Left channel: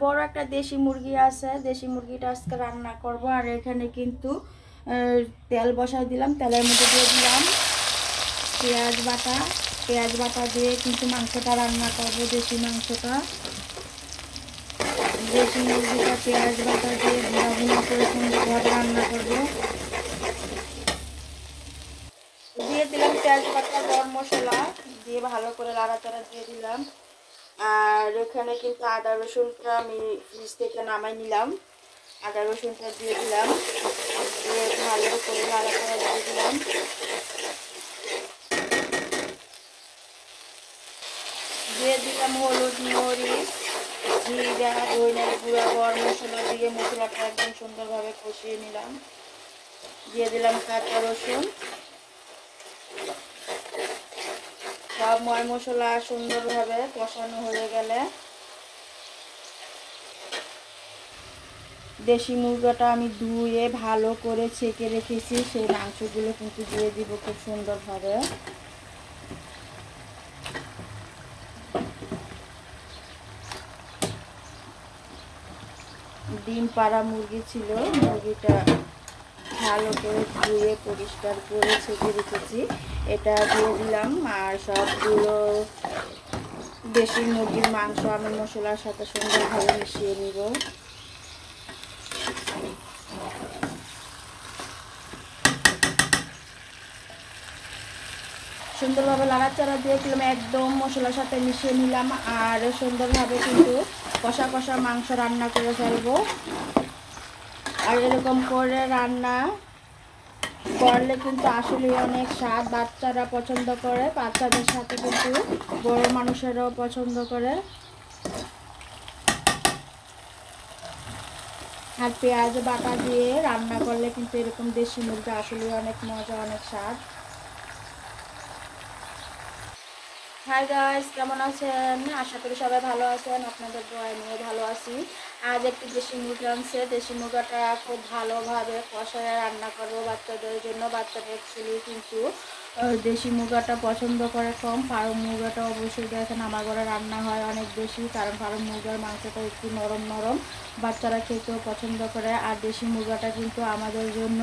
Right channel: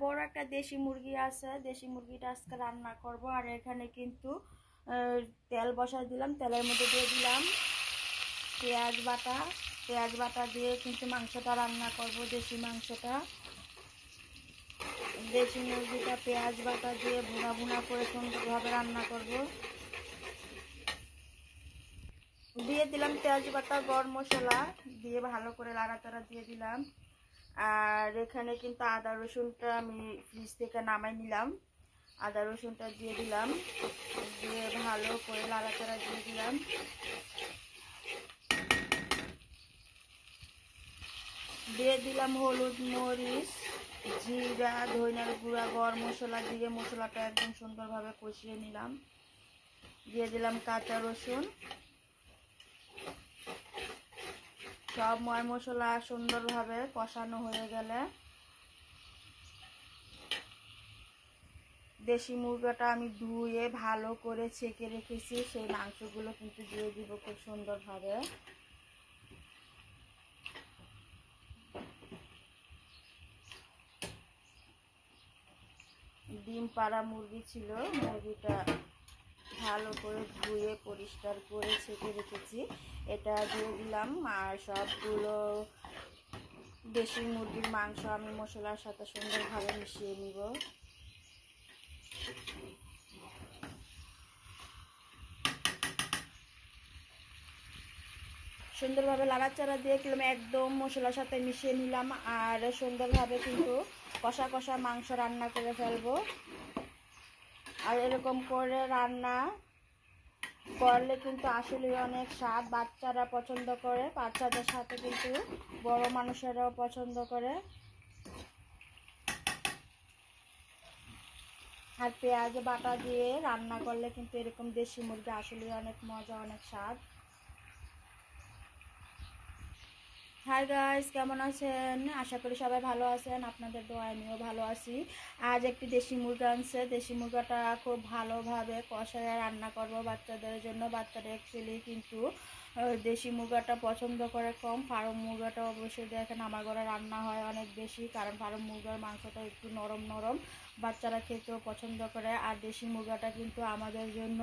বড় একটা দেশি মুরগি আছে, দেশি মুরগিটা আজকে রান্না করব। আর এখানে কিন্তু তেল বসাই দিলাম, তেলের মধ্যে দিয়ে দিলাম পেঁয়াজ বাটা দিয়ে কিন্তু মাংসটা রান্না করব। দেশি মাংসটা, দেশি মুরগিটা পেঁয়াজ বাটা দিয়ে ভুনা ভুনা করে সুন্দরভাবে রান্না করব। দিয়ে দিলাম পেঁয়াজ বাটা, গরম মশলা দিয়ে ভালো করে নাড়াচাড়া দিয়ে দিলাম। আর এখানে কিন্তু আদা রসুনটা আমি ফ্রিজ থেকে নামাই নিলাম, আদা রসুনটা দিয়ে দিলাম, দিয়ে ভালো করে নাড়াচাড়া দিয়ে দিলাম। দিয়ে দিলাম হলুদ, মরিচ, জিরা, ধনিয়ার গুঁড়া, গরম মশলা দিয়ে মশলাটা একদম সুন্দরভাবে কষিয়ে নিলাম। দিয়ে দিলাম কাঁচা রসুন। সব ময় মশলা সুন্দরভাবে কষানো হয়ে গেলে দেশি মুরগাটা আমি ধুয়ে ভালো করে ছেঁকে রেখেছি, সেই মাংসগুলো কিন্তু দিয়ে দিব খুব সুন্দরভাবে। ডিম পাড়া মুরগি ছিল, মুরগিটা ভালো করে ধুয়ে পরিষ্কার করে ছেঁকে রেখেছি, এটা দিয়ে দিলাম। আর সবগুলো দেশি মুরগির মাংস আমি মশলার সাথে সুন্দরভাবে মিশিয়ে নিব। সুন্দরভাবে নাড়াচাড়া দিয়ে দিলাম, একদম মশলার সাথে মিশিয়ে নিলাম। আর সুন্দরভাবে কিন্তু কষা কষা মাংস রান্না করে ফেলবো। আর এরকম করে রান্না করলে কিন্তু আসলে অনেক স্বাদ, বাচ্চারা পছন্দ করে, বাচ্চাদের সাথে কিন্তু বড় মানুষেরাও পছন্দ করে। আর পেঁয়াজ বাটা দিয়ে রান্না করলে কিন্তু এরকম দেশি মুরগি আসলে অনেক মজা, অনেক স্বাদ। হাই গাইস, কেমন আছেন? আশা করি সবাই ভালো আছেন, আপনাদের দোয়ায় আমিও ভালো আছি। আজ একটি দেশি মুরগি আনছে, দেশি মুরগাটা খুব ভালোভাবে কষায় রান্না করবো বাচ্চাদের জন্য। বাচ্চাদের অ্যাকচুয়ালি কিন্তু দেশি মুরগাটা পছন্দ করে কম, ফার্ম মুরগাটা অবশ্যই দেখেন আমার ঘরে রান্না হয় অনেক বেশি, কারণ ফার্ম মুরগার মাংসটা একটু নরম নরম, বাচ্চারা খেতেও পছন্দ করে। আর দেশি মুরগাটা কিন্তু আমাদের জন্য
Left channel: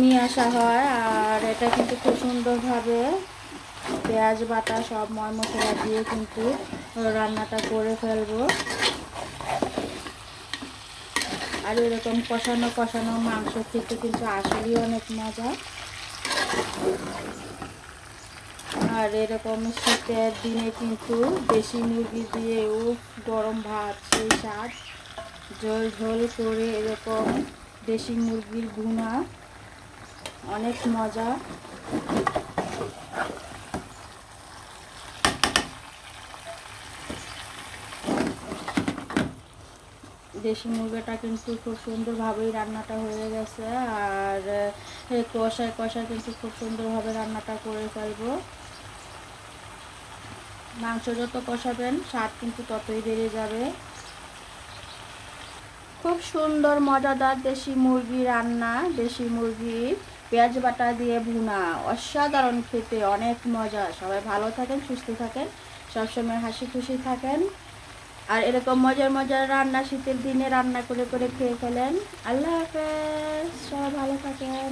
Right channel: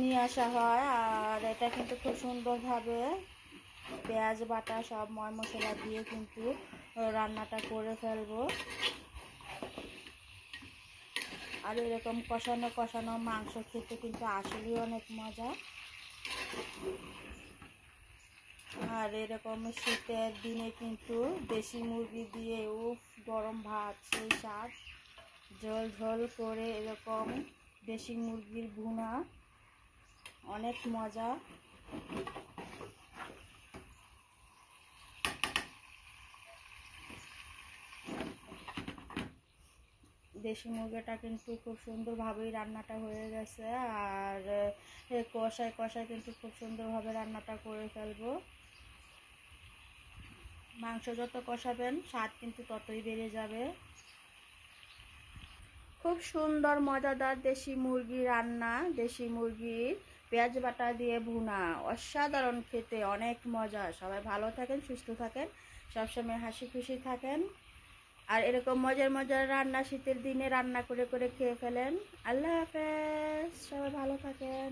নিয়ে আসা হয়। আর এটা কিন্তু খুব সুন্দরভাবে পেঁয়াজ বাটা সব ময় মশলা দিয়ে কিন্তু রান্নাটা করে ফেলবো। আর এরকম কষানো কষানো মাংস খেতে কিন্তু আসলেই অনেক মজা। আর এরকম শীতের দিনে কিন্তু দেশি মুরগি দিয়েও গরম ভাত, সেই স্বাদ। ঝোল ঝোল করে এরকম দেশি মুরগির ভুনা অনেক মজা। দেশি মুরগিটা কিন্তু খুব সুন্দরভাবেই রান্নাটা হয়ে গেছে। আর কষায় কষায় কিন্তু খুব সুন্দরভাবে রান্নাটা করে ফেলবো। মাংস যত কষাবেন স্বাদ কিন্তু ততই বেড়ে যাবে। খুব সুন্দর মজাদার দেশি মুরগি রান্না, দেশি মুরগির পেঁয়াজ বাটা দিয়ে ভুনা, অসাধারণ খেতে, অনেক মজা। সবাই ভালো থাকেন, সুস্থ থাকেন, সবসময় হাসি খুশি থাকেন। আর এরকম মজার মজার রান্না শীতের দিনে রান্না করে করে খেয়ে ফেলেন। আল্লাহ হাফেজ, সবাই ভালো থাকেন।